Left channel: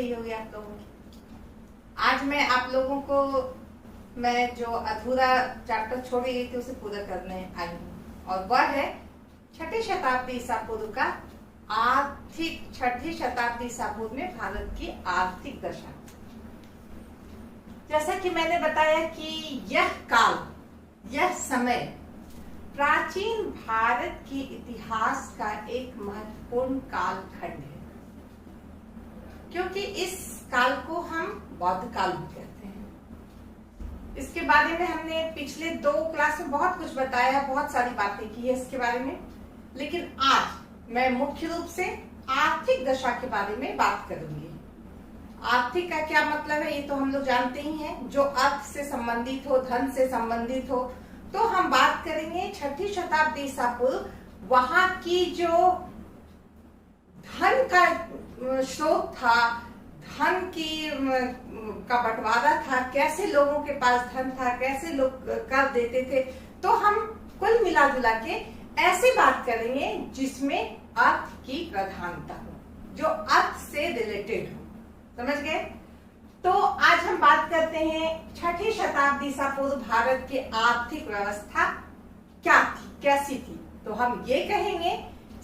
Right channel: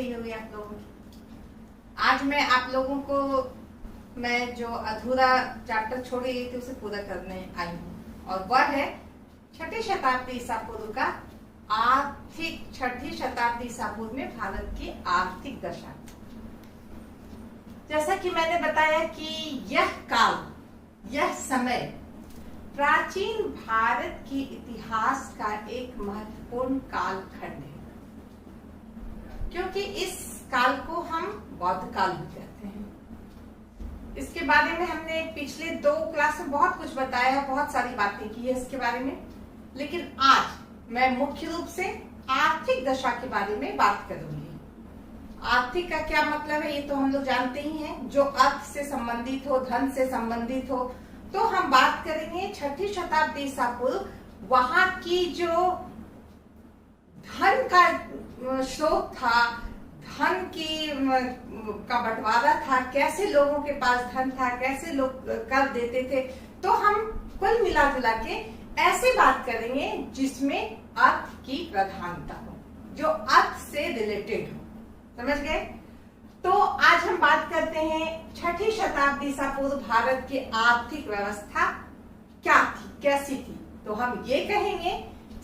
रही होगी आप लोगों की। आज मैं आप लोगों को मैं जो अधूरा चैप्टर छोड़ गई थी उसे पूरा करने आई हूँ, और वह है छठी शताब्दी ईसा पूर्व का छठी शताब्दी ईसा पूर्व में भारत की आर्थिक दशा। जैसा कि मैंने बताया कि यह काल, यह समय प्राचीन भारत की इतिहास का एक महत्वपूर्ण कालखंड है, क्योंकि इस काल को हम बौद्ध काल भी कहते हैं। इसके बारे में हमने पिछले 2 क्लास में बहुत कुछ बताया है, बहुत सारी बातें की है इसके बारे में, लेकिन आज मैं मुख्य रूप से आर्थिक दशा के बारे में बात करूंगी। आर्थिक का क्या मतलब है ये तो हम लोग जानते ही हैं, जो अर्थ से संबंधित हो, धन से संबंधित हो। तो हम बात करेंगे छठी शताब्दी ईसा पूर्व, वहां की जो धन का स्रोत था, धन का बंटवारा था, कैसे लोगों के पास धन था, कैसे लोग कर देते थे। तो हम कुल मिला जुला के ऐसे बात करेंगे जिसमें अर्थ की प्रधानता हो, जो अर्थ से रिलेटेड हो। समझ गए? तो आज हम बात करते हैं छठी शताब्दी ईसा पूर्व भारत की आर्थिक व्यवस्था क्या थी, कैसी थी। तो हम ये कहेंगे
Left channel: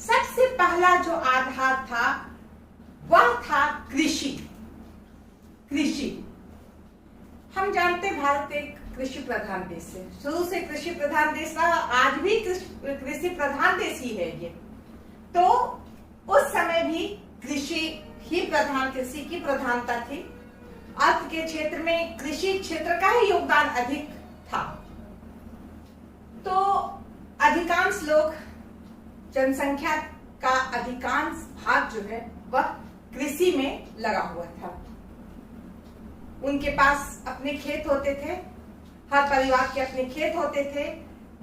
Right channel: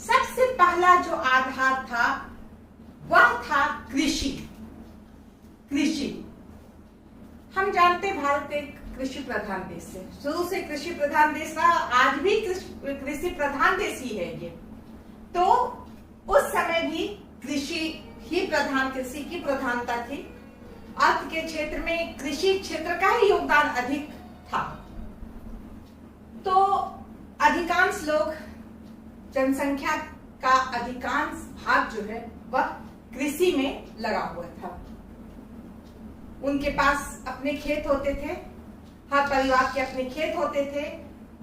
सबसे पहला जो आधार था वह था कृषि। कृषि हम जानते भारत एक कृषि प्रधान देश है, शुरू से कृषि प्रधान देश रहा, आज भी कृषि प्रधान देश ही है ये। तो उस समय भी कृषि की प्रधानता थी। अर्थ के क्षेत्र में कृषि क्षेत्र का ही योगदान अधिक था। तो अधिकांश लोग, जनसंख्या का अधिकांश भाग जो है वह कृषि में लगा हुआ था। उनके पास अपने खेत होते थे, हर परिवार के अपने खेत होते थे।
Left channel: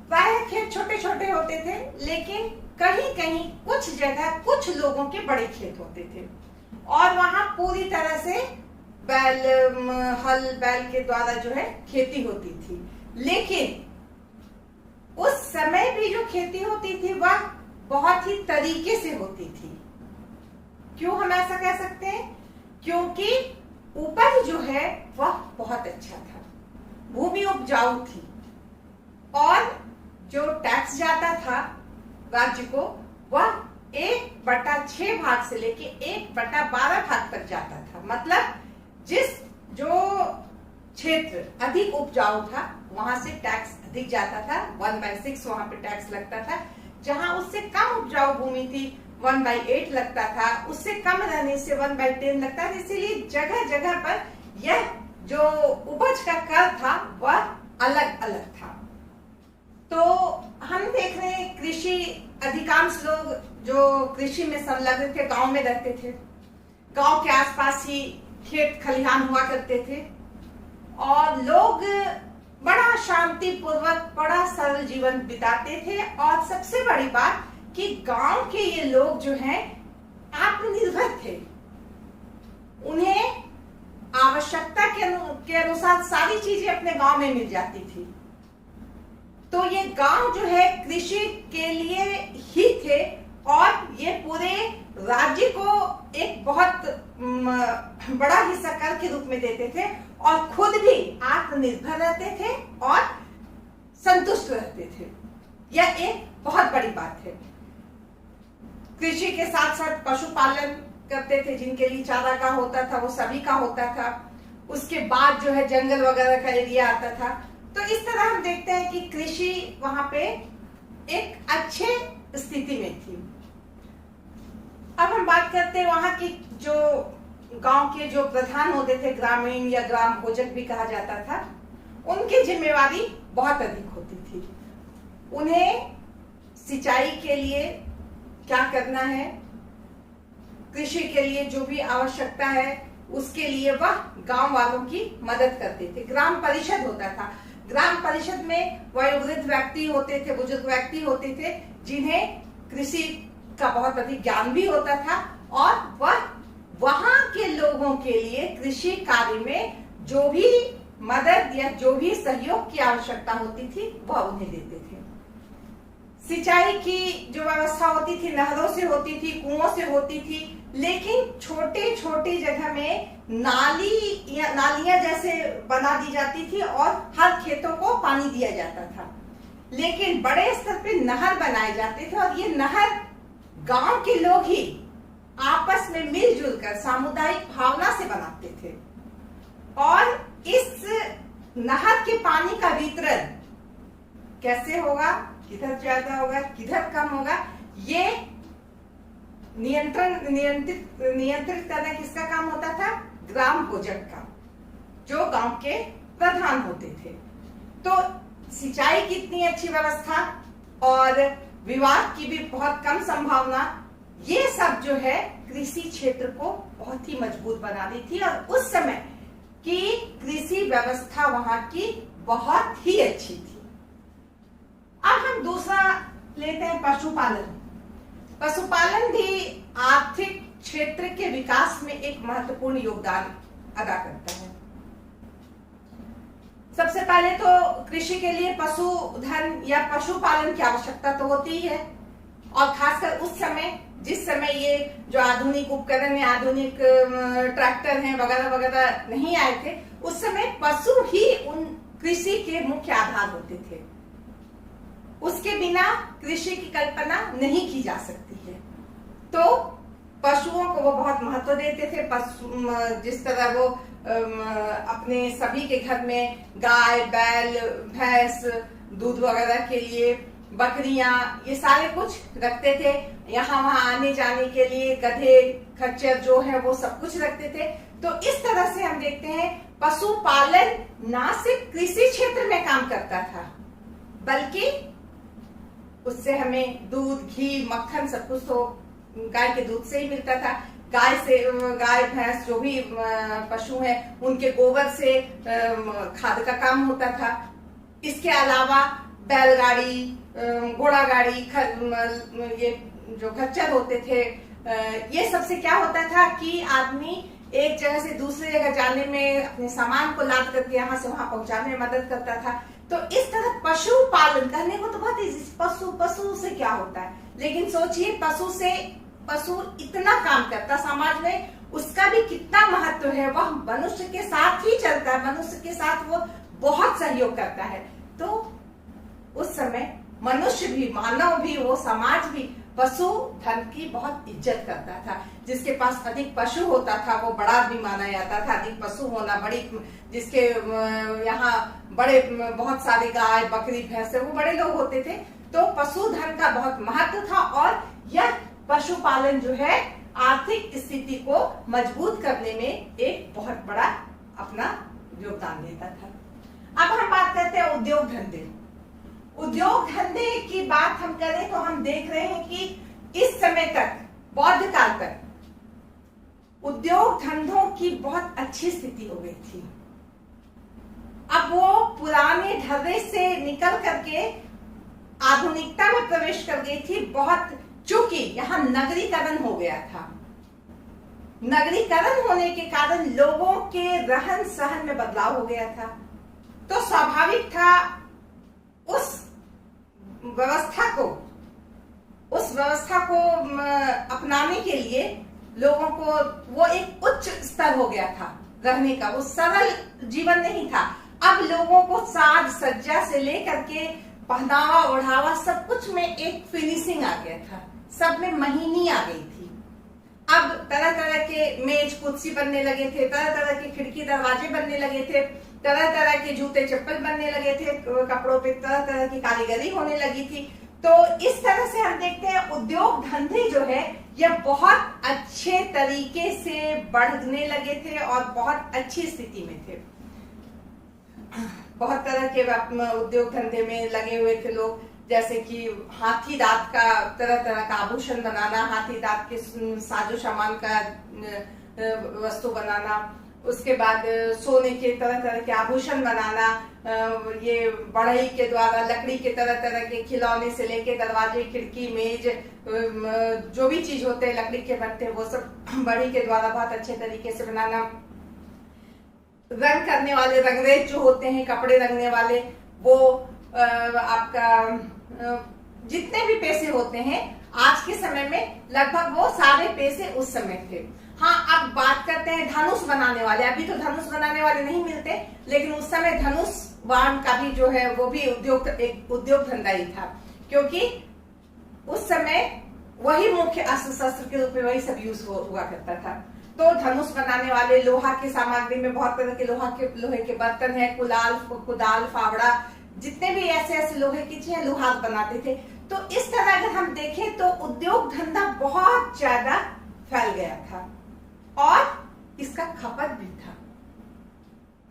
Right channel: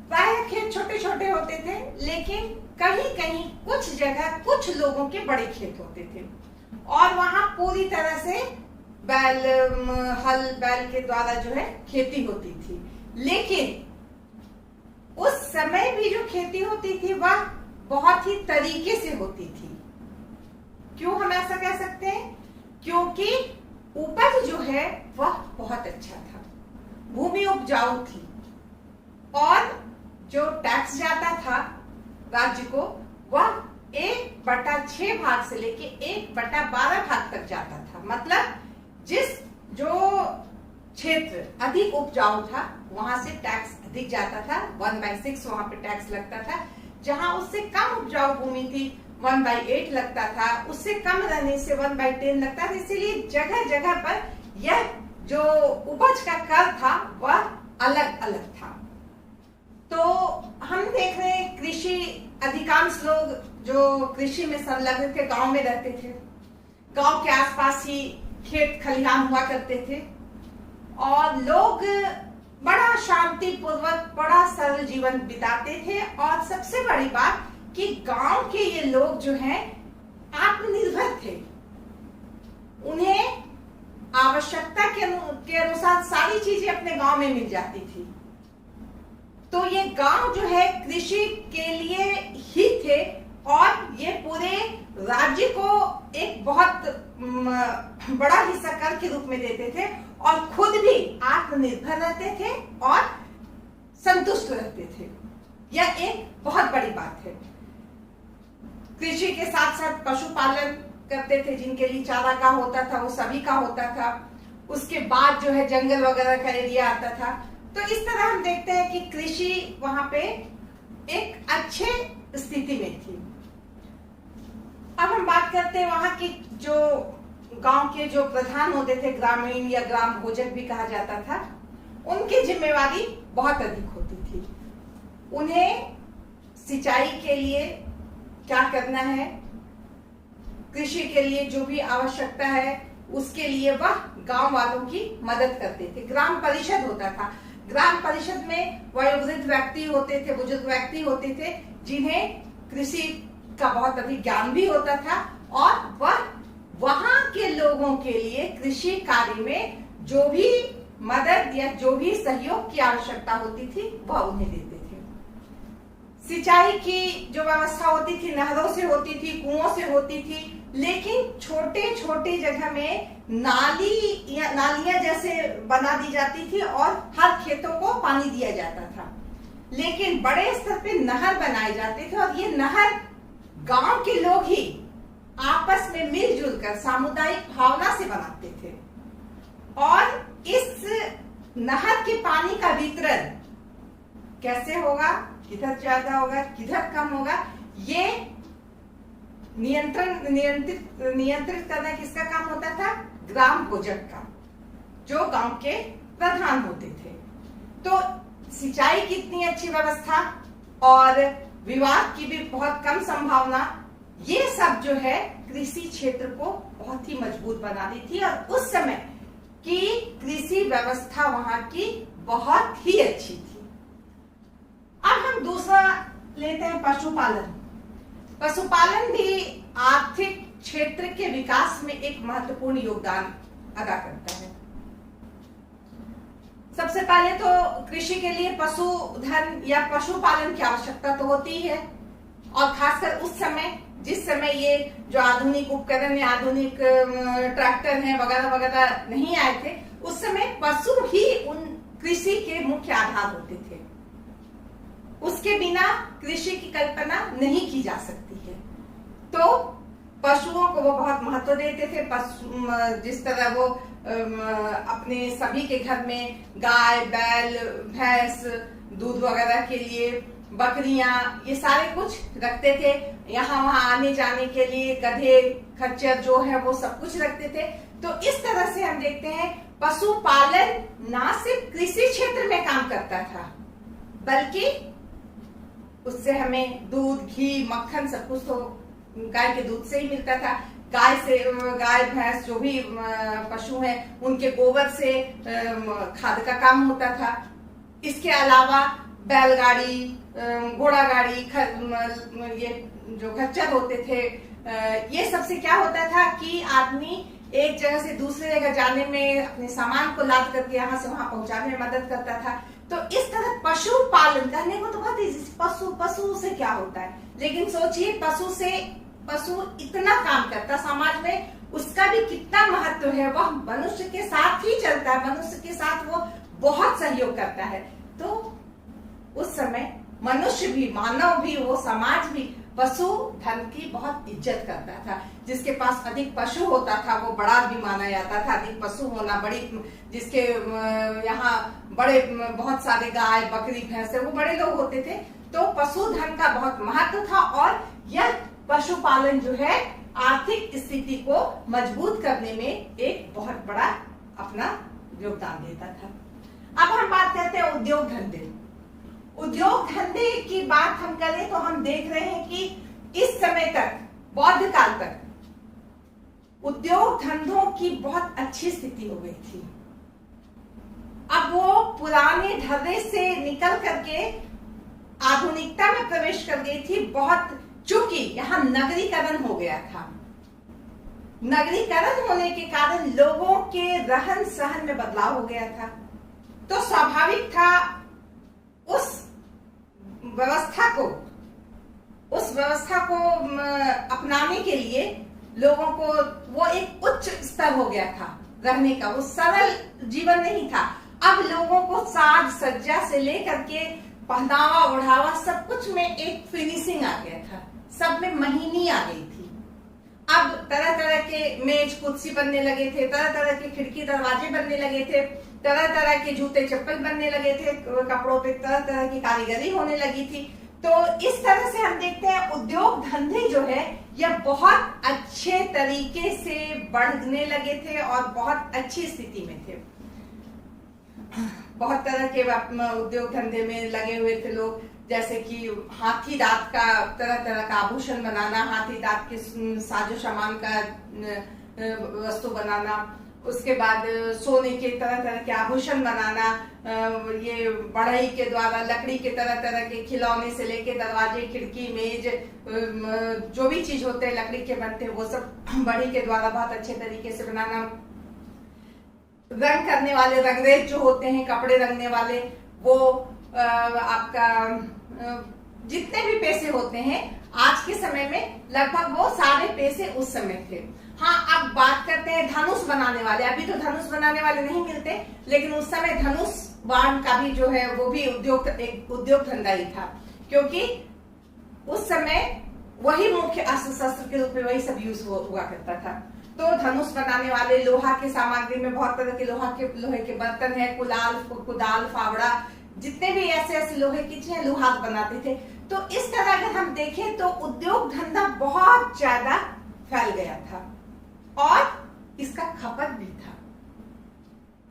प्रायः खेत छोटे छोटे होते थे, लेकिन कहीं कहीं कुछ जगह कुछ लोगों के बड़े खेत होते थे, और वहां पूरी तरह से बैल के द्वारा जो है खेती होती थी। लेकिन उस समय भी जो खेती होती थी वह बहुत ही तरीके से होती थी। क्यों हम ऐसा कह सकते हैं? क्योंकि उपज जो है वह बहुत अच्छा था, भूमि उपजाऊ थी, और जो टैक्स जाता था राज्य को वह 1/6 भाग से लेके 1/12 भाग तक जाता था। मतलब जो क्षेत्र अधिक उपजाऊ था वहां से टैक्स अधिक जाता था, 1/6 वहां पे टैक्स लगता था। जहां उससे कम उपजाऊ भूमि थी 1/8 लगता था, उससे कम रहने से 1/10 लगता था। इसीलिए जगह जगह पर यह जो उपज का कर था वह अलग अलग था। तो हम देख रहे हैं कृषि, अधिकांश लोग जो कृषि में संलग्न थे गांव में रहते थे। गांव के आसपास ही खेत खलिहान हुआ करते थे, और लोग बड़ा शांति पूर्वक, बड़ा सरल जीवन बिताते थे। और सबसे बड़ी बात कि गांव के ये लोग जो हैं आत्मनिर्भर थे, उन्हें आवश्यकता के अनुसार सारी चीजें अपने गांव में मिल जाती थी। तो ये गांव जो है कृषि के लिए ही थे, और ये पूरे राज्य को एक बहुत बड़ा हिस्सा कर के रूप में देते थे, और खुद भी आत्मनिर्भर रहते थे और संतुष्ट रहते थे। यह एक बहुत बड़ी बात है। कृषि के साथ साथ पशुपालन करते थे, जिनके लिए चारागाह होता था वो सभी का होता था। उसके बाद जो है जंगल वगैरह का एरिया आता था। तो इस तरह हम देखते हैं कि कृषि वहां पे एक अच्छे स्थिति में थी। अब हम बात करते हैं वहां की जो गांव के जो प्रधान होते थे, ग्रामीण या ग्राम भोजक भी कहा जाता था, उनकी जिम्मेवारी बहुत अधिक होती थी। उन्हें सिंचाई के लिए क्या करना है, कृषि के लिए जो भी आवश्यकता है उसके लिए वह गांव वालों की मदद करते थे। ग्राम परिषद होता था। ग्राम परिषद में वयोवृद्ध व्यक्ति होते थे, बुजुर्ग व्यक्ति होते थे, जिन्हें कृषि का बहुत अधिक ज्ञान भी होता था, और वह वहां के लोगों के लिए कृषि कार्य में जो भी मदद या जो भी सहयोग की आवश्यकता होती थी वह उन्हें देते थे। सिंचाई की जो व्यवस्था होती थी नहरों से होती थी, कुओं से होती थी, लेकिन छोटे छोटे जगह में नालियां जैसे बना दी जाती थी और हर खेतों को पानी दिया जाता था। लेकिन बड़े स्तर पे नहर बनाए जाते थे और ये नहर गांव के लोग ही आपस में मिलजुल कर सामुदायिक भावना से बनाते थे। और इस नहर के पानी का वितरण कैसे होगा, किधर ज्यादा होगा, किधर कम होगा, ये नियंत्रित करना किसका काम होता था? ग्राम भोजक का, जो गांव के प्रधान होते थे। तो सिंचाई की इतनी अच्छी व्यवस्था और विवाद की भी बहुत कम संभावना, ये सब जो है कृषि क्षेत्र को बहुत ही मजबूत बना दी थी। और उस समय की कृषि व्यवस्था वहां की बहुत ही अच्छी थी। अब हम दूसरा लेते हैं पशुपालन। पशुपालन भी आर्थिक क्षेत्र के विकास में एक महत्वपूर्ण योगदान अदा करता है। सबसे पहले तो कृषि के लिए पशुधन या पशुपालन की आवश्यकता तो होती ही है, और खासकर उस समय जिस समय ये जो आधुनिक उपकरण या आधुनिक ट्रैक्टर हैं वगैरह वगैरह नहीं आए थे, उस समय पशु ही उन कृषि के मुख्य आधार होते थे। उसके बिना कृषि की कल्पना नहीं की जा सकती है। तो पशुओं को वो बहुत महत्व देते थे। जिस तरह वो अपने सभी के घर में गाय, बैल, भैंस, दूध वगैरह के लिए बकरियां, ये सारे कुछ रखते थे। यहाँ वहां आने जाने के लिए गधे, खच्चर जो है वो सब कुछ रखते थे। तो इस तरह से हम देखते हैं पशुपालन ना सिर्फ कृषि क्षेत्र में काम करता था, बल्कि उससे हमें दूध, घी, मक्खन सब कुछ तो गाय के दूध से ही मिलता था। गाय भैंस जो भी पशु हैं उनके गोबर से खाद का काम होता था। इसके अलावा बैलगाड़ी, घोड़ा गाड़ी, ये जो खच्चर होते थे, ये सबसे क्या होता था कि आदमी एक जगह से दूसरी जगह जाने में, अपने सामान को लाद करके यहाँ से वहां पहुंचाने में मदद करता था। तो इस तरह पशुपालन करने को तो बहुत ही, पशु से क्या होता है, लेकिन सोचिए पशु इतना काम करता समाज में, उसका भी कितना महत्व है। वह मनुष्य के साथ ही चलता है, मनुष्य के साथ वो बहुत सहयोग करता है। तो उस समय मनुष्य भी, मानव भी, वो समाज भी पशु धन की बहुत इज्जत करता था। जिसके पास अधिक पशु होता था वो बड़ा भी माना जाता था। अधिक पशु होना, जिसके यहाँ बड़े बहुत सारे गाय, बकरी, भैंस, वो बड़े लोग होते थे। तो पशुधन का बहुत महत्व था और यह पशुपालन जो है आर्थिक स्थिति को मजबूत करने में एक बहुत बड़ा अपना योगदान देता था। अब हम बात करते हैं उद्योग धंधे। उद्योग धंधे की बात हम करें तो हम देख रहे हैं कि इस समय तक, बौद्ध काल तक उद्योग धंधों की बहुत अच्छी स्थिति हो गई थी। अब वो पुराने ढर्रे से निकल करके आधुनिकता में प्रवेश कर गई थी। बहुत, चूंकि यहाँ नगरीकरण हो गया था। नगरीकरण होने के कारण लोगों के रहन सहन में बदलाव हो गया था। तो स्वाभाविक था उस व्यवस्था को अपनाने के लिए लोगों को वो एक उच्च स्तर हो गया था रहने का। वो सरल जीवन नहीं था। अब लोगों को साज सज्जा से लेकर के पहनावा ओढ़ावा सब कुछ में एक फिनिशिंग आ गया था, सब में महीनी आ गई थी। अब तरह तरह के मेज कुर्सी बनने लगे थे, तरह तरह के खिड़की दरवाजे बनने लगे थे, तरह तरह के जूते चप्पल बनने लगे थे, कपड़ों पे तरह तरह की कारीगरी होने लगी थी। तो इस तरह से हम देखते हैं उद्योग धंधे जो है यह बहुत अच्छे तरीके से बढ़ने लगे थे और बहुत अच्छी स्थिति में थे। बहुत तरह के उद्योग धंधे में लगे हुए थे लोग, जैसे कि हाथी दांत का तरह तरह का आभूषण बनाना, हाथी दांत के साजो सामान का वस्तु बनाना, उसके बाद सोने के तरह तरह के आभूषण बनाना, ये बढ़ई के द्वारा लकड़ी के तरह तरह के खिलौने से लेके दरवाजे, खिड़की, मेज, जो भी चीज होते हैं लकड़ी के बनते हैं वो सब बढ़ई के द्वारा बहुत अच्छे तरीके से बनाना। रंग करने वाले रंगरेज जो होते हैं, कपड़े रंगने वाले, वो आपका जितने भी पैसे होते हैं आज के समय में लगभग वो सारे पैसे उस समय थे। हाँ, अब बात करते हैं धनुष बनाने वाले। अभी तो धनुष बनाने वाले नहीं मिलते, लेकिन उस समय धनुष बाण का भी जो है वो भी एक उद्योग धंधा ही था, क्योंकि उस समय वही मुख्य अस्त्र शस्त्र के रूप में वही सब यूज हुआ करता था। तो धनुष बनाने वाले, लोहा की सामग्री में बहुत तरह के लोहे के बर्तन है, कुदाल, फावड़ा, जितने भी ऐसे लोहे की चीजें लोहार बनाते थे। तो इस तरह अगर हम देखें तो उद्योग धंधा बहुत ज्यादा फैल गया था और इसका खपत भी था।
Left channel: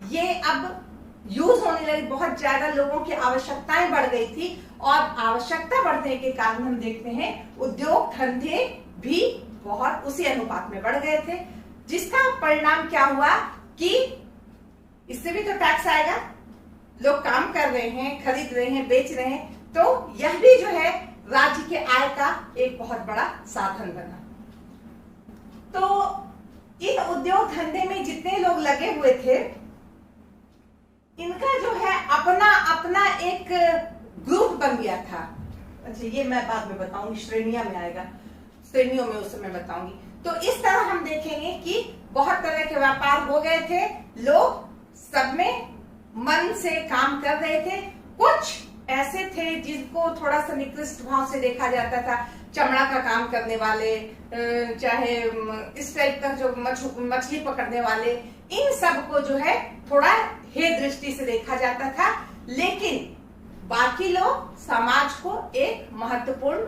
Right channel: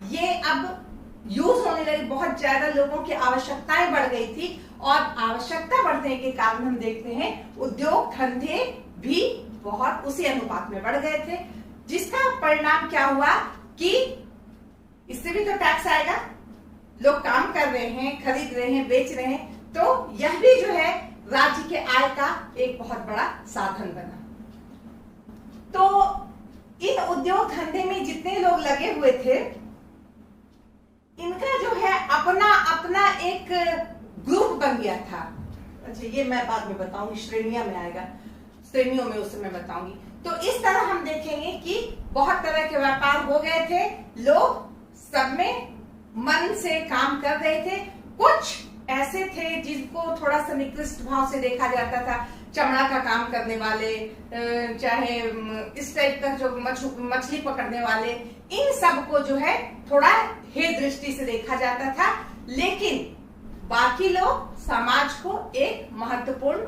ये अब यूज होने लगी, बहुत ज्यादा लोगों की आवश्यकताएं बढ़ गई थी और आवश्यकता बढ़ने के कारण हम देखते हैं उद्योग धंधे भी बहुत उसी अनुपात में बढ़ गए थे, जिसका परिणाम क्या हुआ कि इससे भी तो टैक्स आएगा। लोग काम कर रहे हैं, खरीद रहे हैं, बेच रहे हैं, तो यह भी जो है राज्य के आय का एक बहुत बड़ा साधन बना। तो इन उद्योग धंधे में जितने लोग लगे हुए थे, इनका जो है अपना अपना एक ग्रुप बन गया था। अच्छा, ये मैं बाद में बताऊंगी, श्रेणियां में आएगा, श्रेणियों में उस समय बताऊंगी। तो इस तरह हम देखेंगे कि बहुत तरह के व्यापार हो गए थे, लोग सब में मन से काम कर रहे थे। कुछ ऐसे थे जिनको थोड़ा सा निकृष्ट भाव से देखा जाता था, चमड़ा का काम करने वाले, चाहे इस टाइप का जो मछली पकड़ने वाले, इन सब को जो है थोड़ा हे दृष्टि से देखा जाता था। लेकिन बाकी लोग समाज को एक महत्वपूर्ण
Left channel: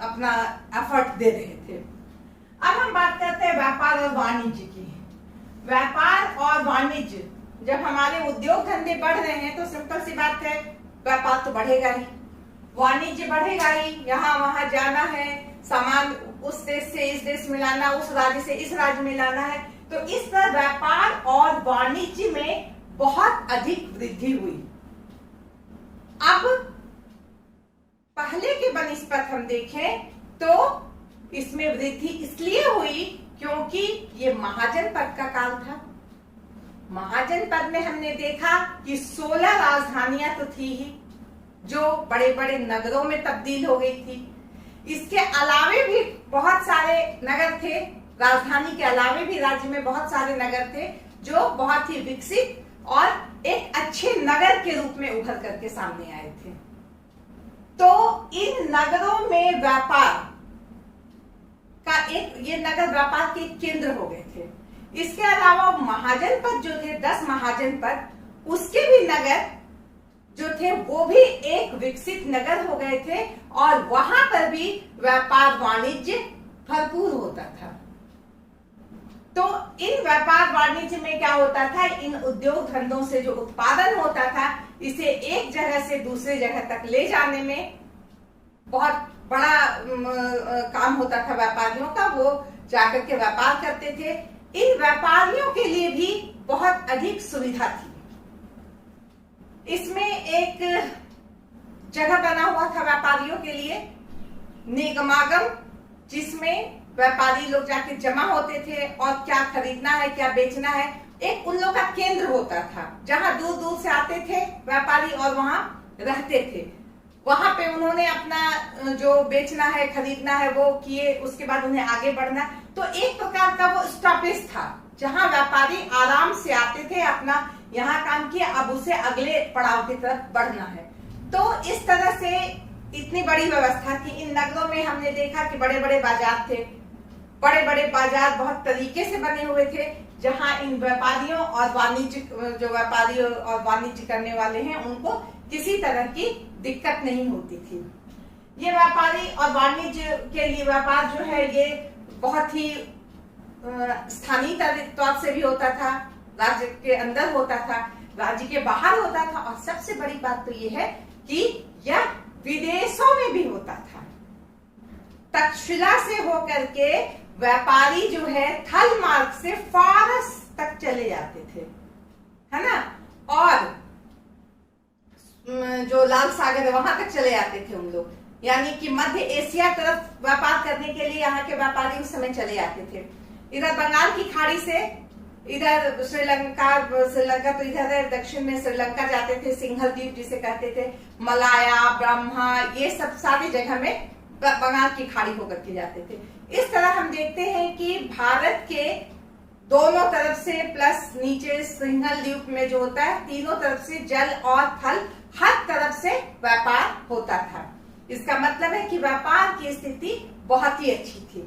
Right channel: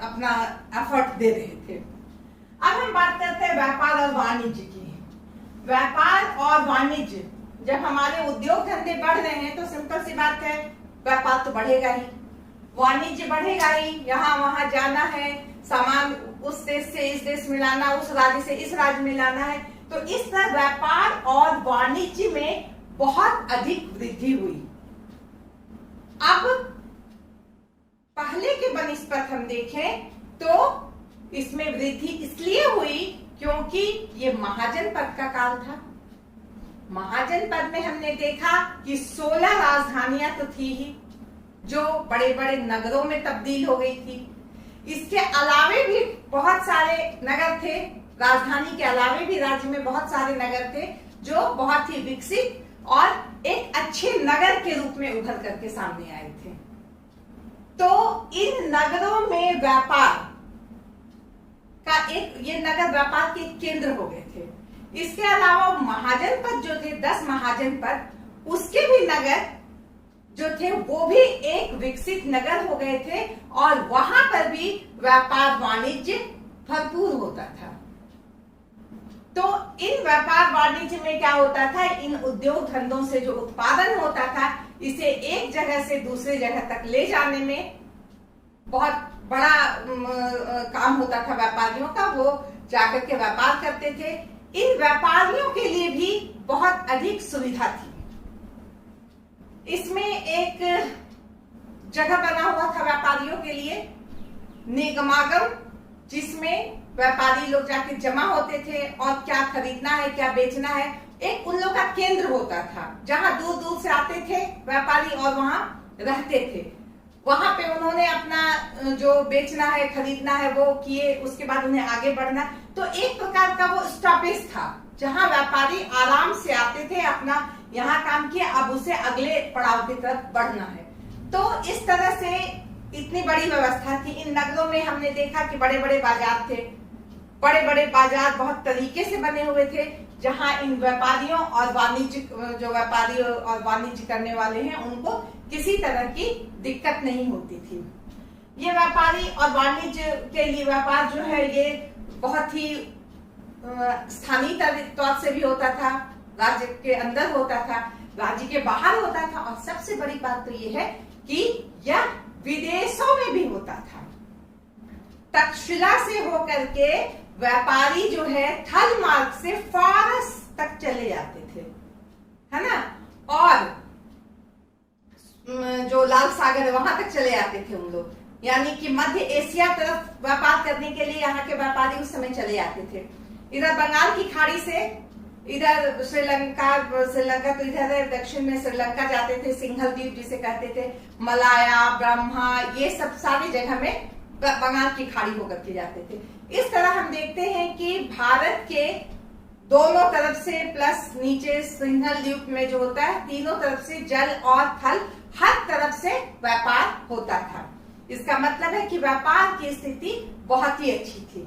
अपना एफर्ट दे रहे थे। अब हम बात करते हैं व्यापार और वाणिज्य की। व्यापार और वाणिज्य, जब हमारे उद्योग धंधे बढ़ रहे हैं तो सिंपल सी बात है, व्यापार तो बढ़ेगा ही, वाणिज्य बढ़ेगा ही। यहाँ वहां जाना है, सामान उस देश से इस देश में लाना, उस राज्य से इस राज्य में लाना है। तो इस तरह व्यापार और वाणिज्य में बहुत अधिक वृद्धि हुई। अब पहले के बनिस्पत हम देखें तो इसमें वृद्धि इसलिए हुई क्योंकि ये महाजन पद का काल था। महाजन पद में हमने देखा कि 16 राजधानियां तो थी ही, जो बड़े बड़े नगरों में तब्दील हो गई थी। इसके अलावे भी बहुत सारे नगर थे, राजधानी के अलावे भी राज्य में बहुत सारे नगर थे जो बहुत ही विकसित और एक अच्छे नगर के रूप में उभर करके सामने आए थे। तो इन नगरों में व्यापार का ये नगर व्यापार के केंद्र हो गए थे। इसके अलावा महाजन पद जो थे, 10 महाजन पद, उसके भी नगर जो थे वो भी एक विकसित नगर हो गए थे और वहां पर भी व्यापार वाणिज्य भरपूर होता था। तो इन व्यापार वाणिज्य में क्या होता था, इन उद्योग धंधों से जो उत्पादन होता था, इसे एक जगह से दूसरे जगह तक ले जाने में बहुत बड़ा काम होता था व्यापारियों का। वो जाकर के व्यापार करते थे। इन व्यापारियों के लिए भी बहुत अधिक सुविधा थी। इसमें एक जगह बना हुआ था व्यापारियों के लिए, निगमागम, जिसमें व्यापारी लोग जाके जमा होते थे और क्या खरीदना है, क्या बेचना है, एक उन लोग का केंद्र होता था जहां दूर दूर से आते थे व्यापारी और वहां रहते थे। वहां पे उन्होंने अपना जो बेचना है, खरीदना है वो किए, उसके बाद उन्हें आगे बढ़ना। तो एक प्रकार का वो स्टॉपेज था जहां व्यापारी आराम से आते थे, अपना यहाँ काम किया, अब उसे अगले पड़ाव की तरफ बढ़ना है। तो इस तरह से इतनी बड़ी व्यवस्था थी। इन नगरों में हमने देखा कि बड़े बड़े बाजार थे, बड़े बड़े बाजार बहुत तरीके से बने हुए थे, जहां इन व्यापारियों और वाणिज्य, जो व्यापारी और वाणिज्य करने वाले हैं, उनको किसी तरह की दिक्कत नहीं होती थी। ये व्यापारी और वाणिज्य के लिए व्यापार जो है ये बहुत ही स्थानीय तौर से भी होता था, राज्य के अंदर होता था, राज्य के बाहर होता था, और सबसे बड़ी बात तो ये है कि यह विदेशों में भी होता था। तक्षशिला से होकर के व्यापारी जो है थल मार्ग से फारस तक चले जाते थे, है ना, और जो लाल सागर है वहां तक चले जाते थे उन लोग। यानी कि मध्य एशिया तरफ व्यापार करने के लिए यहाँ के व्यापारी उस समय चले जाते थे। इधर बंगाल की खाड़ी से इधर श्रीलंका तो इधर है, दक्षिण में श्रीलंका जाते थे, सिंघल द्वीप जिसे कहते थे, मलाया, ब्रह्मा, ये सब सारी जगह में बंगाल की खाड़ी होकर के जाते थे। इस तरह हम देखते हैं कि भारत के दोनों तरफ से प्लस नीचे सिंघल द्वीप में जो होता है, तीनों तरफ से जल और थल हर तरफ से व्यापार होता था। इसका मतलब है कि व्यापार की स्थिति बहुत ही अच्छी थी।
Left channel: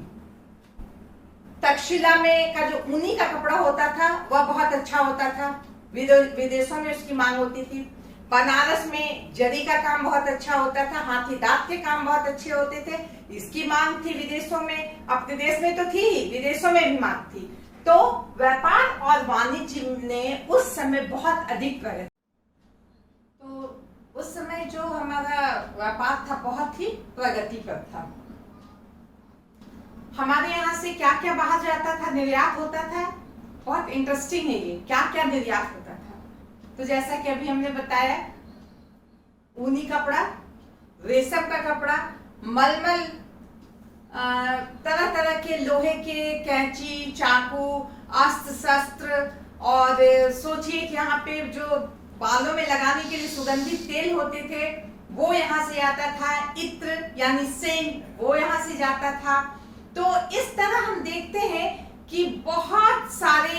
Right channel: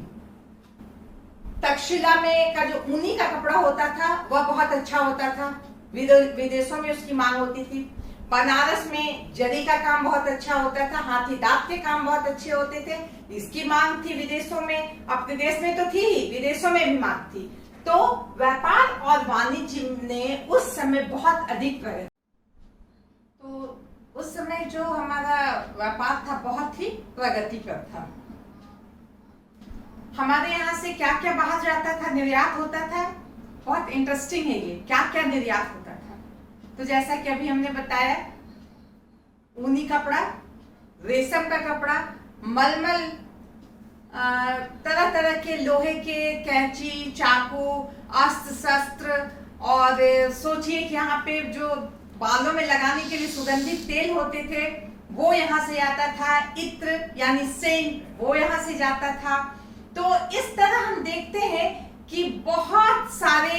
तक्षशिला में का जो ऊनी का कपड़ा होता था वह बहुत अच्छा होता था, विदेशों में उसकी मांग होती थी। बनारस में जरी का काम बहुत अच्छा होता था, हाथी दांत के काम बहुत अच्छे होते थे, इसकी मांग थी विदेशों में। अपने देश में तो थी ही, विदेशों में भी मांग थी। तो व्यापार और वाणिज्य ने उस समय बहुत अधिक प्रगति। तो उस समय जो हमारा व्यापार था बहुत ही प्रगतिकर था। हमारे यहाँ से क्या क्या बाहर जाता था, निर्यात होता था। बहुत इंटरेस्टिंग है ये, क्या क्या निर्यात होता था। तो जैसा कि अभी हमने बताया, ऊनी कपड़ा, रेशम का कपड़ा, मलमल, तरह तरह के लोहे के कैंची, चाकू, अस्त्र शस्त्र, और सोचिए कि यहाँ पे जो बालों में लगाने के लिए सुगंधित तेल होते थे वो यहाँ से आता था, इत्र यानी सेंट वो यहाँ से जाता था। तो इस तरह हम देखते हैं कि बहुत सारे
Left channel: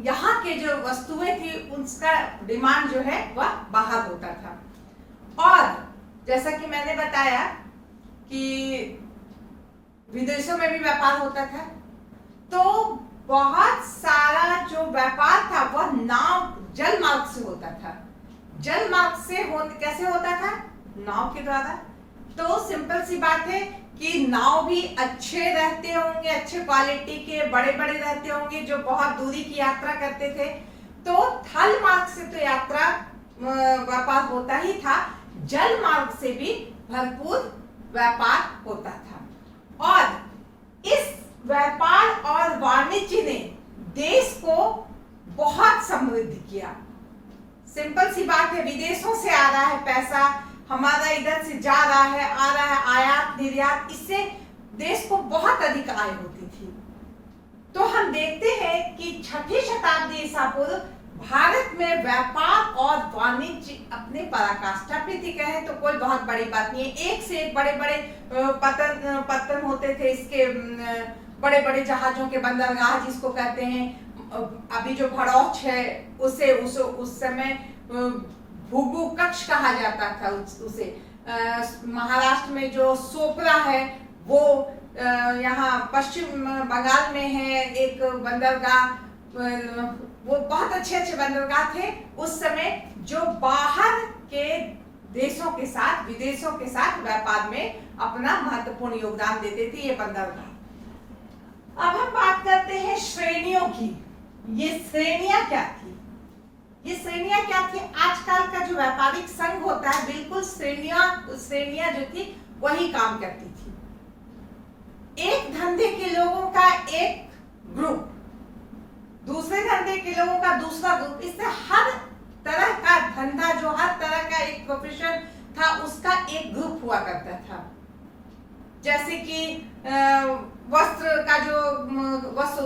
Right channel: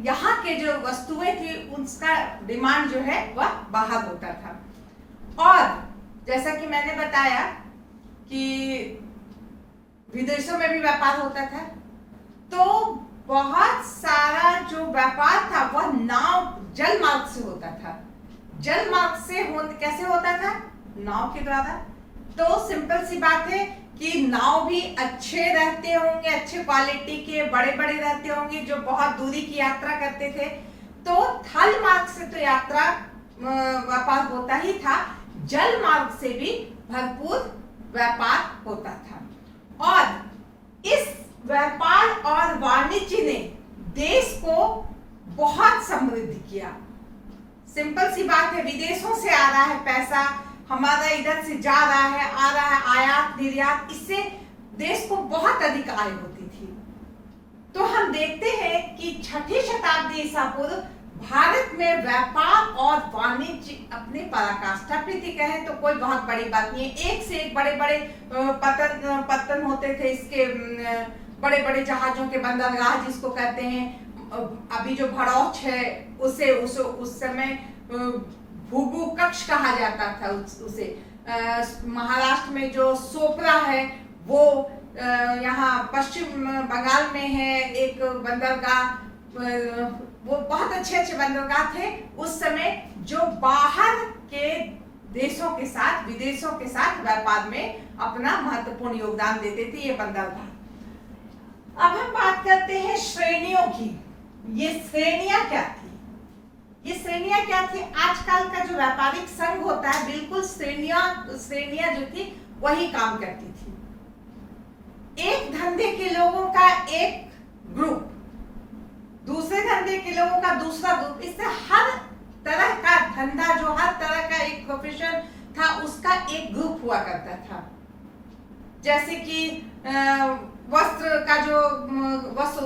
यहाँ के जो वस्तुएं थी उसका डिमांड जो है वह बाहर होता था। और जैसा कि मैंने बताया कि विदेशों में भी व्यापार होता था। तो बहुत सारा जो व्यापार था वह नाव जल मार्ग से होता था। जल मार्ग से कैसे होता था? नाव के द्वारा। तो सिंपल सी बात है कि नाव भी अच्छे रहते होंगे, अच्छे क्वालिटी के, बड़े बड़े रहते होंगे जो बहुत दूरी की यात्रा करते थे। तो थल मार्ग से तो यात्रा व्यापार होता ही था, जल मार्ग से भी भरपूर व्यापार होता था। और इस व्यापार और वाणिज्य ने देश को बहुत समृद्ध किया। सिंपल सी बात है, विदेशों से आ रहा है पैसा, हमारा इधर से जा रहा है, आ रहा है, आयात निर्यात, इससे देश को बहुत अधिक आय होती थी। तो हम देखते हैं कि 6ठी शताब्दी ईसा पूर्व भारत में व्यापार और वाणिज्य अपने पराकाष्ठा पे थी। कहें तो कोई बहुत बड़ी बात नहीं है। एक से एक बड़े बड़े पत्तन होते थे, इसके बड़े बड़े जहाजों के बंदरगाह जिसको कहते हैं। अभी जो भड़ौच है उसे उस समय भूगु कक्ष कहा जाता था उसे। महाराष्ट्र में जो सोपरा है वो यहाँ पश्चिम बंगाल में है एक बंदरगाह। वो बहुत अच्छे अच्छे बंदरगाह थे उस समय जो बाहर के देशों के साथ, विदेशों के साथ व्यापार में अपना महत्वपूर्ण योगदान देते थे ये बंदरगाह। अब हम बात करते हैं श्रेणियों की। ये श्रेणियां क्या थी? ये श्रेणियां क्या थी? आजकल का जो व्यापारिक संघ होता है, बिल्कुल श्रेणियां जो थी वही काम करती थी। एक धंधे के लोगों का एक ग्रुप, दूसरे धंधे के लोगों का दूसरा ग्रुप, इससे हर तरह का धंधा, जो हर तरह का एक प्रोफेशन था उसका एक ग्रुप हुआ करता था। जैसे कि वस्त्र का जो वस्त्र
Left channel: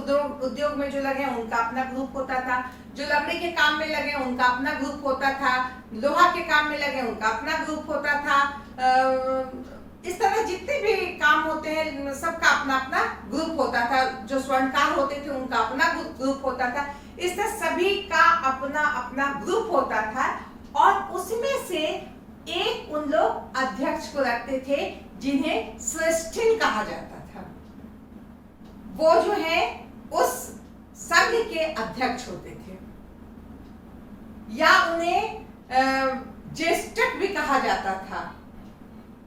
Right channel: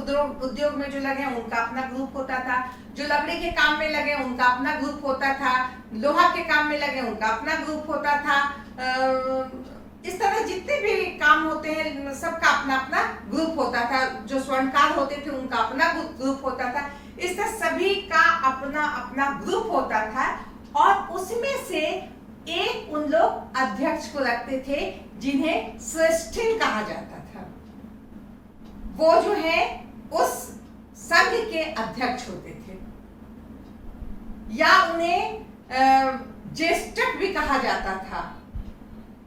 उद्योग में जो लगे उनका अपना ग्रुप होता था, जो लकड़ी के काम में लगे उनका अपना ग्रुप होता था, लोहा के काम में लगे उनका अपना ग्रुप होता था। इस तरह जितने भी काम होते हैं सबका अपना अपना ग्रुप होता था। जो स्वर्णकार होते थे उनका अपना ग्रुप होता था। इस तरह सभी का अपना अपना ग्रुप होता था और उसमें से एक उन लोग अध्यक्ष को रखते थे जिन्हें श्रेष्ठिन कहा जाता था। वो जो है उस संघ के अध्यक्ष होते थे या उन्हें ज्येष्ठक भी कहा जाता था।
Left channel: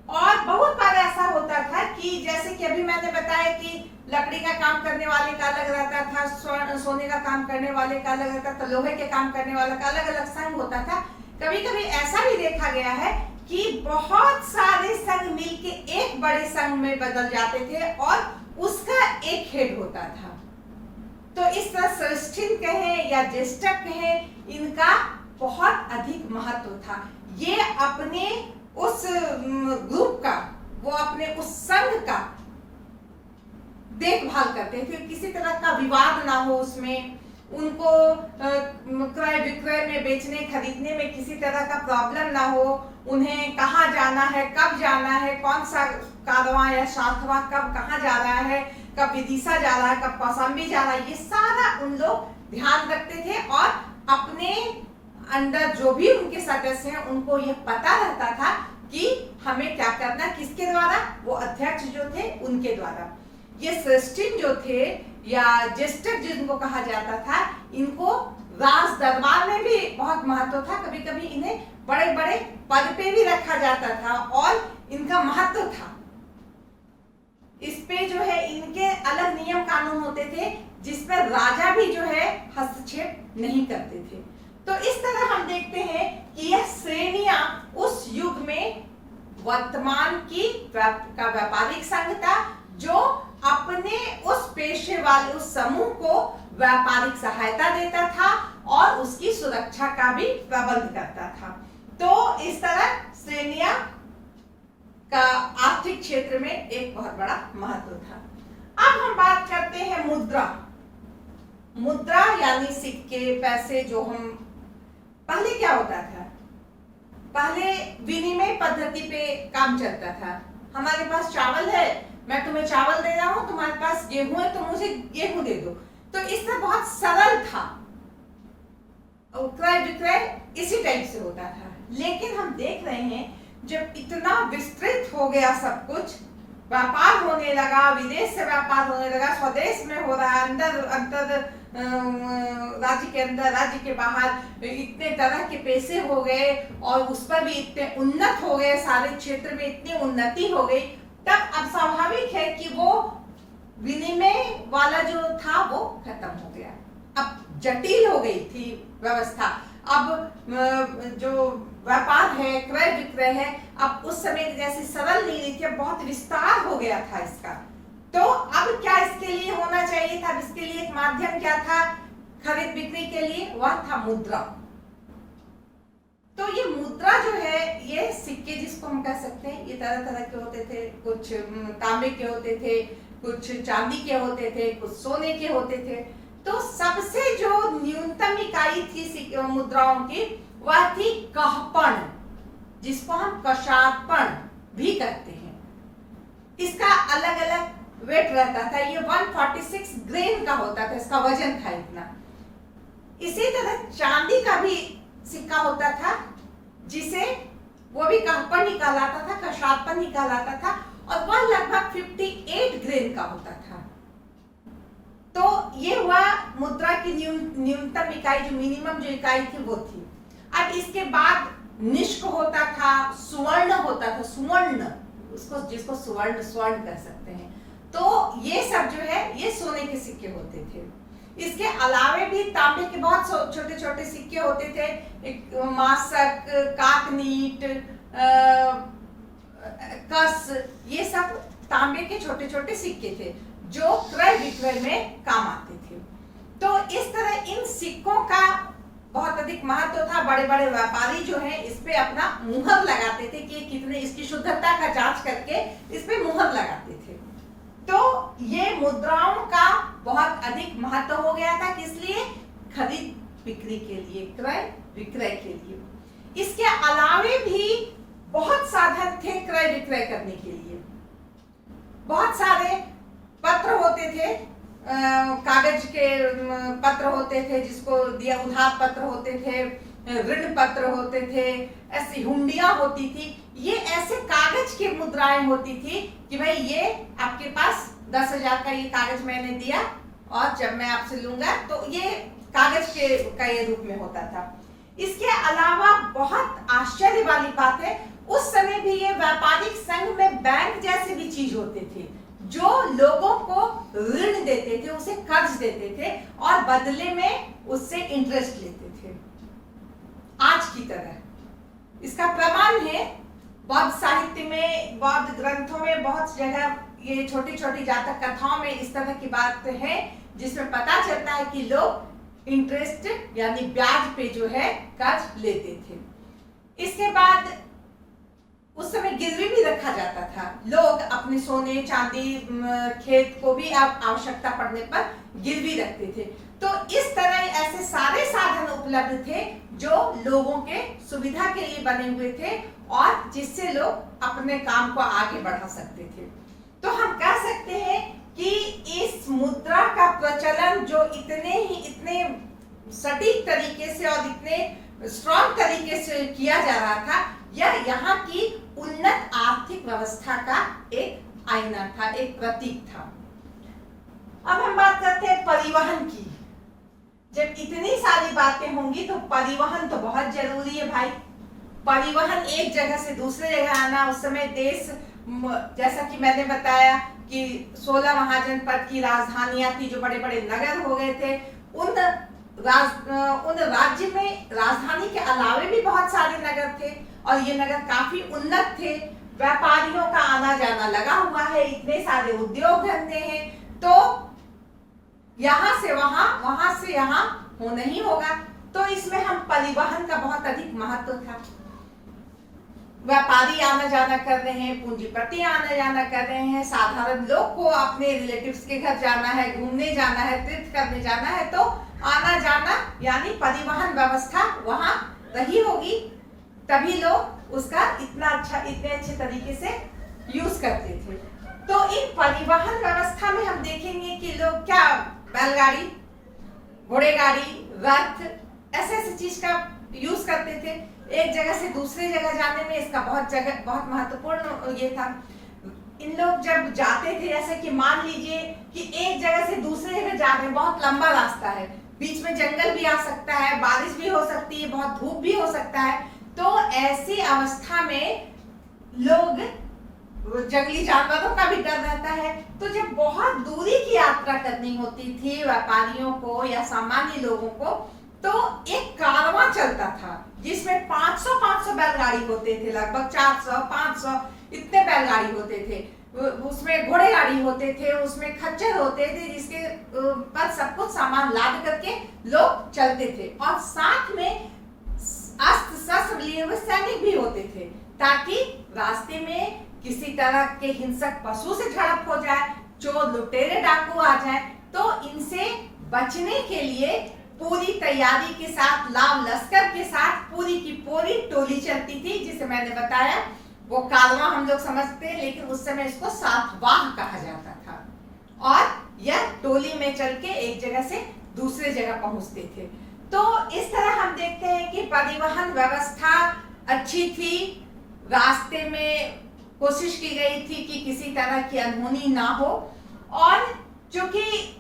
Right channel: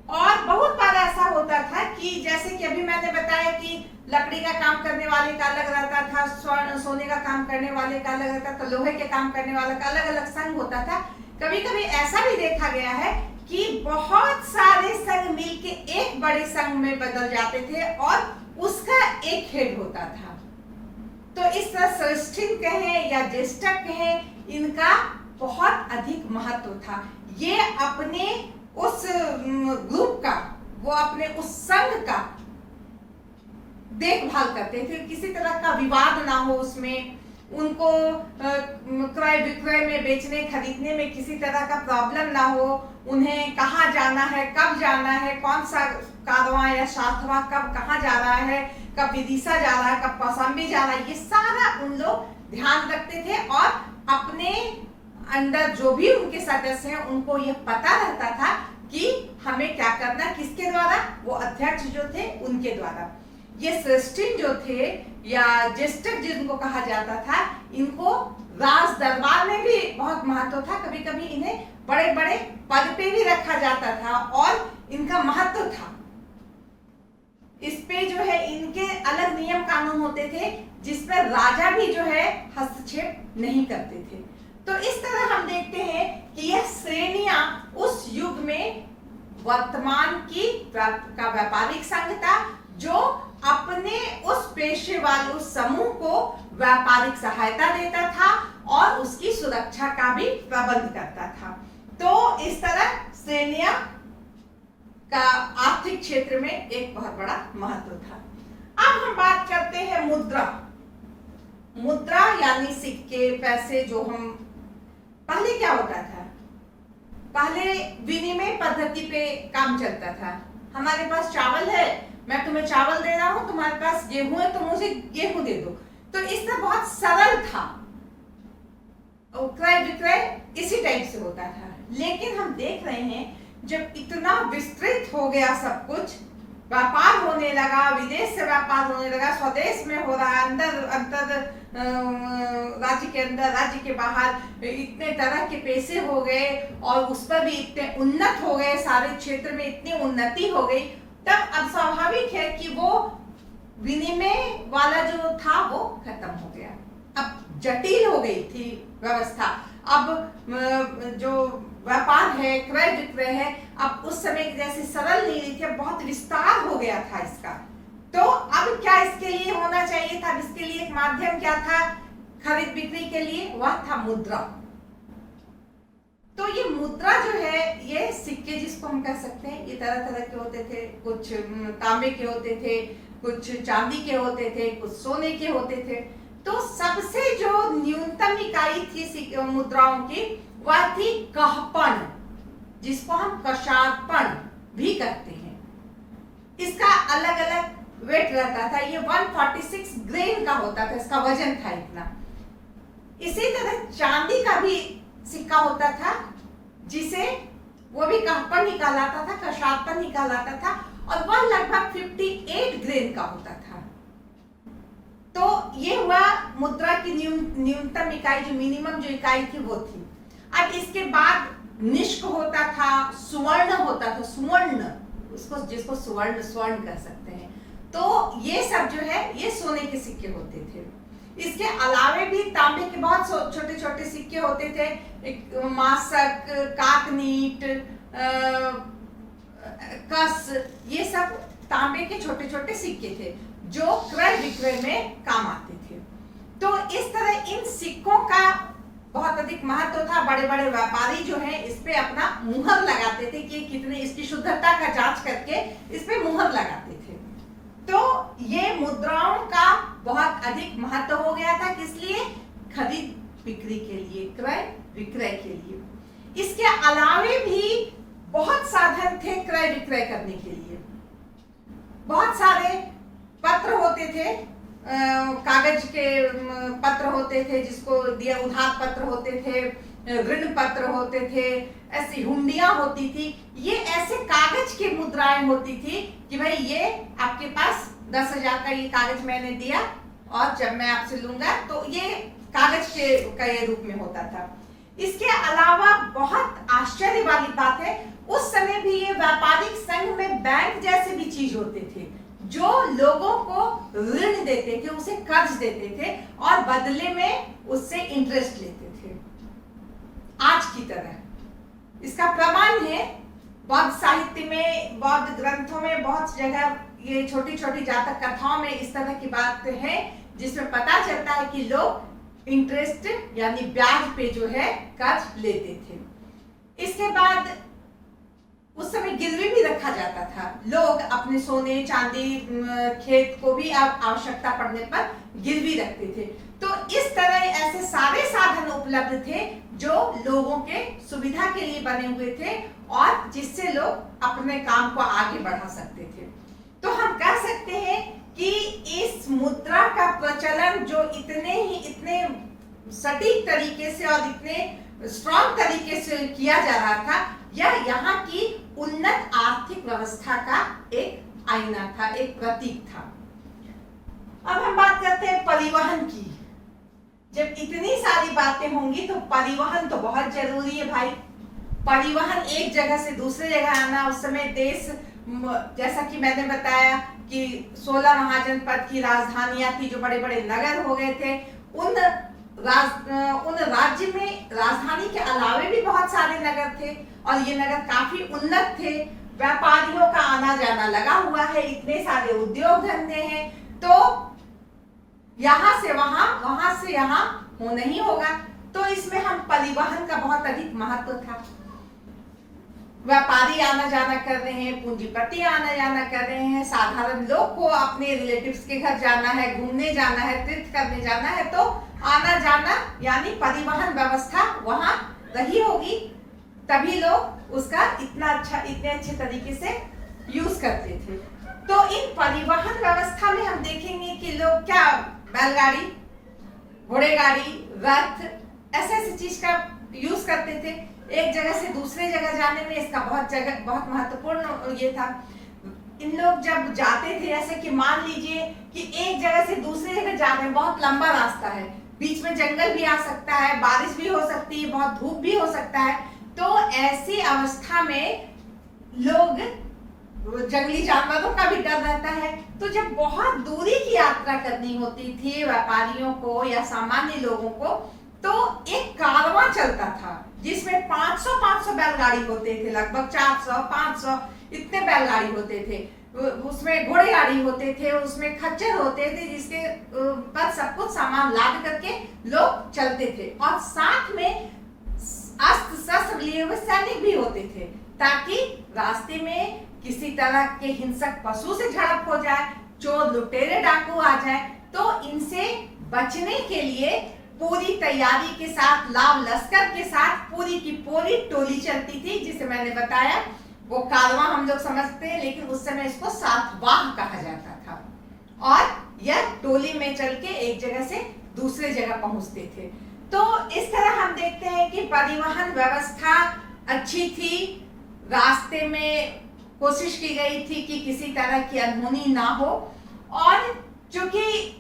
और बहुत बार ऐसा होता था कि जैसे कि अभी मैंने बताया कि लकड़ी का काम करने वाले का अलग रहता था, सोने का काम करने वाले का अलग रहता था, लोहे के काम करने वाले का अलग अलग संघ होता था। कभी कभी ऐसा भी देखा गया है कि बहुत सारे संघ मिलके एक बड़े संघ में बदल जाते थे और उसका एक हेड होता था। तो इस तरह श्रेष्ठिन कहें या ज्येष्ठक कहें, इनका बहुत अधिक महत्व था। ये अपने उस ग्रुप का, वो अपने उस संघ का देखभाल करते थे, किसी तरह का विवाद ना हो उसमें, उनको क्रय विक्रय में, बेचने खरीदने में किसी तरह का प्रॉब्लम ना हो, उन्हें कहाँ जाना है, कब जाना है, कौन सा कारवां या सातवां कब कहाँ जा रहा है, कब विदिशा जा रहा है, कब कौशाम्बी जा रहा है, ये सारा उन लोग ध्यान रखते थे। और अपने अंदर जो भी उनके सदस्य हैं उनको यह पता रहता था कि हमें क्या करना, किसके द्वारा, वो अध्यक्ष जो थे उनके द्वारा। ये श्रेष्ठिन जो थे या ज्येष्ठ जिनको कहा जाता था, इनको राज दरबार में भी बहुत महत्व था। कभी कभी इन्हें बड़े बड़े पद पे भी रखा जाता था और इनका महत्व था। इस पे जो है इनके अलग नियम कानून होते थे जिसमें राजा भी जो है हस्तक्षेप नहीं करते थे। तो इस तरह हम देखते हैं कि यह श्रेणियां उस युग में वर्तमान की का व्यापारिक संघ था, जो अपने उस पेशे वाले उस समूह को व्यापारिक सहायता देता था और उसकी सुरक्षा का भी प्रबंध करता था। तो इस तरह श्रेणियां का आर्थिक क्षेत्र में एक बहुत बड़ा महत्व था। अब हम बात करते हैं मुद्रा। मुद्रा यानी सिक्के, पैसे, जो हम पहले क्या होता था, पहले विनिमय पद्धति पे काम चलता था। हमारे पास चावल है, मैं तुम्हें चावल दे रहा हूं, तुम्हारे पास गेहूं है तो मुझे गेहूं दे दो। तो इससे बहुत सरल था, क्रय विक्रय इसी टाइप से होता था। लेकिन हम देख रहे हैं जब इतना विस्तृत हो गया सब कुछ, व्यापार होने लगा, विदेश से व्यापार होने लगा, स्वदेश में हो रहा, अंतर राज्य के अंदर, राज्य के बाहर, इतने तरह के पैसे हो गए और उस पर भी इतने उन्नत हो गए, सारे क्षेत्र में इतनी उन्नति हो गई, तब अब स्वाभाविक है कि वो विनिमय वाला जो था वो खत्म हो गया। अब जटिल हो गई थी व्यवस्था। अब जो व्यापार है, क्रय विक्रय है, अब उस समय जैसी सरल नहीं रही थी, अब बहुत विस्तार हो गया था इसका। तो अब क्या इसके लिए होना चाहिए था, इसके लिए एक माध्यम क्या था खरीद बिक्री के लिए, वह था मुद्रा। तो ये मुद्रा जो है, ये सिक्के जिसको हम कह सकते हैं, ये तरह तरह के होते थे। कुछ तांबे के होते थे, कुछ चांदी के होते थे, कुछ सोने के होते थे। तो सबसे जो न्यूनतम इकाई थी मुद्राओं की, वह थी कहपण, जिसको हम कशादपण भी कहते हैं। इसका अलग अलग वेट रहता था। ये 146 ग्रेन का होता था, इसका वजन था इतना। इसी तरह चांदी का भी सिक्का होता था, जिसे वो भी कहपण ही कहलाता था, कशादपण ही कहलाता था, और वह लगभग 58 ग्रेन का होता था। तो ये हुआ मुद्रा की न्यूनतम इकाई, जो मिनिमम जो इकाई थी वो थी। अब इसके बाद निष्क होता था, सुवर्ण होता था, सुवर्ण, उसको जिसको स्वर्ण कह सकते हैं। तो ये सब जो है ये सोने के सिक्के होते थे। इसके अलावे भी तांबे के बहुत छोटे छोटे सिक्के होते थे, मासक, काकनीट, कस, ये सब तांबे के छोटे छोटे सिक्के थे जो क्रय विक्रय में काम आते थे। तो इस तरह इन सिक्कों का बहुत अधिक महत्व था। बड़े बड़े व्यापारी जो हैं इस पे अपना मुहर लगाते थे कि कितने, इसकी शुद्धता का जांच करके इस पे मुहर लगाते थे। तो ये मुद्राओं का बहुत अधिक महत्व हो गया था, किस लिए, खरीद बिक्री के लिए, क्रय विक्रय के लिए। इसके अलावे भी बहुत साधन थे क्रय विक्रय करने के लिए। बहुत सारे पत्र होते थे, कागज के पत्र होते थे, जिसको दिया उधार पत्र होते थे, ऋण पत्र होते थे, ऐसी हुंडियां होती थी। ये ऐसे कागज की मुद्राएं होती थी कि भाई ये आपके पास 10,000 का ये कागज मैंने दिया और जब मैं आपसे लूंगा, तो ये कागज के का ये रूप में होता था। इसके अलावा बहुत आश्चर्य वाली बात है, उस समय भी ये व्यापारिक संघ में बैंक जैसे भी चीज होते थे, जो लोगों को ऋण देते थे, उसे कर्ज देते थे और बदले में उससे इंटरेस्ट लेते थे, आज की तरह। इसका प्रमाण है बौद्ध साहित्य में, बौद्ध ग्रंथों में, बहुत जगह ये छोटी छोटी जातक कथाओं में इस तरह की बात है, जिसमें पता चलता है कि लोग इंटरेस्ट यानी ब्याज पे जो है कर्ज लेते थे। इसके बाद उस समय गिरवी भी रखा जाता था। लोग अपने सोने चांदी खेत को भी अब आवश्यकता पड़ने पर गिरवी रखते थे। तो इस तरह उपलब्ध थे जो लोगों के सुविधा के लिए बने हुए थे और जिससे लोग अपने काम को आगे बढ़ा सकते थे। तो हम कह सकते हैं कि इस मुद्रा का प्रचलन जो इतने सटीक तरीके से और इतने स्ट्रॉन्ग तरीके से किया जा रहा था, यह यहाँ की उन्नत आर्थिक व्यवस्था का एक आईना था, एक प्रतीक था। अब हम बात करते हैं परिवहन की। जब इतनी सारी बातें होंगी तो परिवहन तो बहुत जरूरी है भाई। परिवहन, एक जगह से दूसरे जगह आना। उस समय देश, जैसा कि मैंने बताया कि 16 महाजनपद की राजधानियां थी, जो बड़े बड़े नगर हो गए थे। उन राज्य में राजधानी के अलावे भी बहुत सारे नगर थे और ये नगर काफी उन्नत थे। व्यापारियों का आना जाना लगा हुआ है, इतने सारे उद्योग धंधे हैं, तो यहाँ से वहां, वहां से यहाँ होना ही होगा। तो इसमें हम परिवहन का बहुत अधिक महत्व था। व्यापारी आना जाना कर रहे हैं, पूंजीपति आना जाना कर रहे हैं, साधारण लोग को अपने रिलेटिव्स के घर जाना है, घूमने जाना है, तीर्थ करने जाना है, तो आना जाना यानी परिवहन व्यवस्था वहां रही होगी, तभी लोग उसका इतने अच्छे तरीके से यूज करते थे। तो इन परिवहन व्यवस्था में हम देखेंगे कि लोग क्या बैलगाड़ी, घोड़े गाड़ी, रथ, ऐसे चीज का यूज करते थे। एक जगह से दूसरे जगह जाने में इसका बहुत महत्वपूर्ण ये था। इन लोग जब जाते थे, जैसे कि मान लीजिए कि एक जगह से दूसरे जगह जा रहे हैं, बहुत लंबा रास्ता है, बीच में जंगल भी आ सकता है, बारिश भी हो सकती है, बहुत धूप भी हो सकता है, तो ऐसी अवस्था में लोग, जंगली जानवरों का भी डर रहता है, तो जब बहुत दूरी की यात्रा करनी होती थी व्यापारियों को या सामान्य लोगों को, तो एक कारवां चलता था जिसमें 500 बैलगाड़ी होते थे, लगभग 400-500 इतने बैलगाड़ी होते थे। उसमें घोड़े गाड़ी होते थे, उसमें खच्चर होते थे, जिसके पर सब कुछ सामान लाद करके लोग चलते थे, और साथ में अस्त्र शस्त्र लिए हुए सैनिक भी होते थे, ताकि रास्ते में किसी तरह के हिंसक पशु से झड़प हो जाए, चोर लुटेरे डाकू आ जाए, तो इनसे बचने के लिए पूरी तैयारी के साथ, लाव लश्कर के साथ पूरी की पूरी टोली चलती थी, जिसे मैंने बताया वो कारवां हम लोग समझते हैं, लेकिन उस समय इसको सातवाह कहा जाता था, और यह टोली में चल के एक जगह से दूसरे जगह पहुंचते थे। तो इस तरह हम देखते हैं कि परिवहन व्यवस्था अच्छी थी। रास्ते में कोशिश की गई थी कि किसी तरह की अनहोनी ना हो, और चूंकि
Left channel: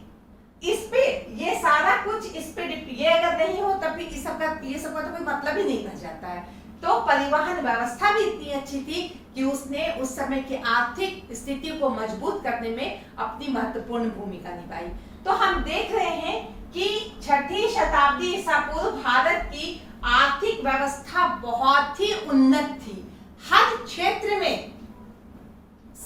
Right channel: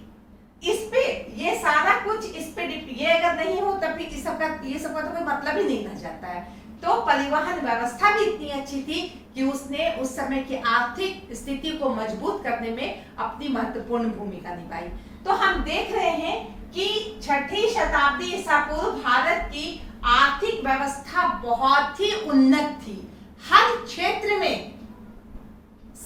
इस पे ये सारा कुछ इस पे ये अगर नहीं हो तब ये सब का तो कोई मतलब ही नहीं रह जाता है। तो परिवहन व्यवस्था भी इतनी अच्छी थी कि उसने उस समय की आर्थिक स्थिति को मजबूत करने में अपनी महत्वपूर्ण भूमिका निभाई। तो हम देख रहे हैं कि 6ठी शताब्दी ईसा पूर्व भारत की आर्थिक व्यवस्था बहुत ही उन्नत थी। हर क्षेत्र में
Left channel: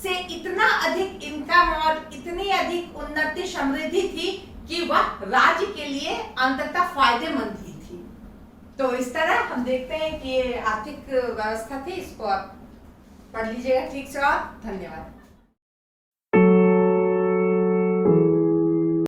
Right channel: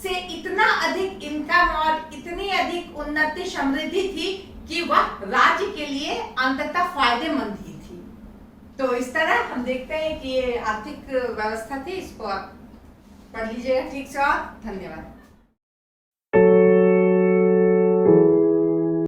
से इतना अधिक इनकम और इतनी अधिक उन्नति समृद्धि थी कि वह राज्य के लिए अंततः फायदेमंद ही थी। तो इस तरह हम देखते हैं कि ये आर्थिक व्यवस्था थी। इसको आप पढ़ लीजिएगा ठीक से, और धन्यवाद।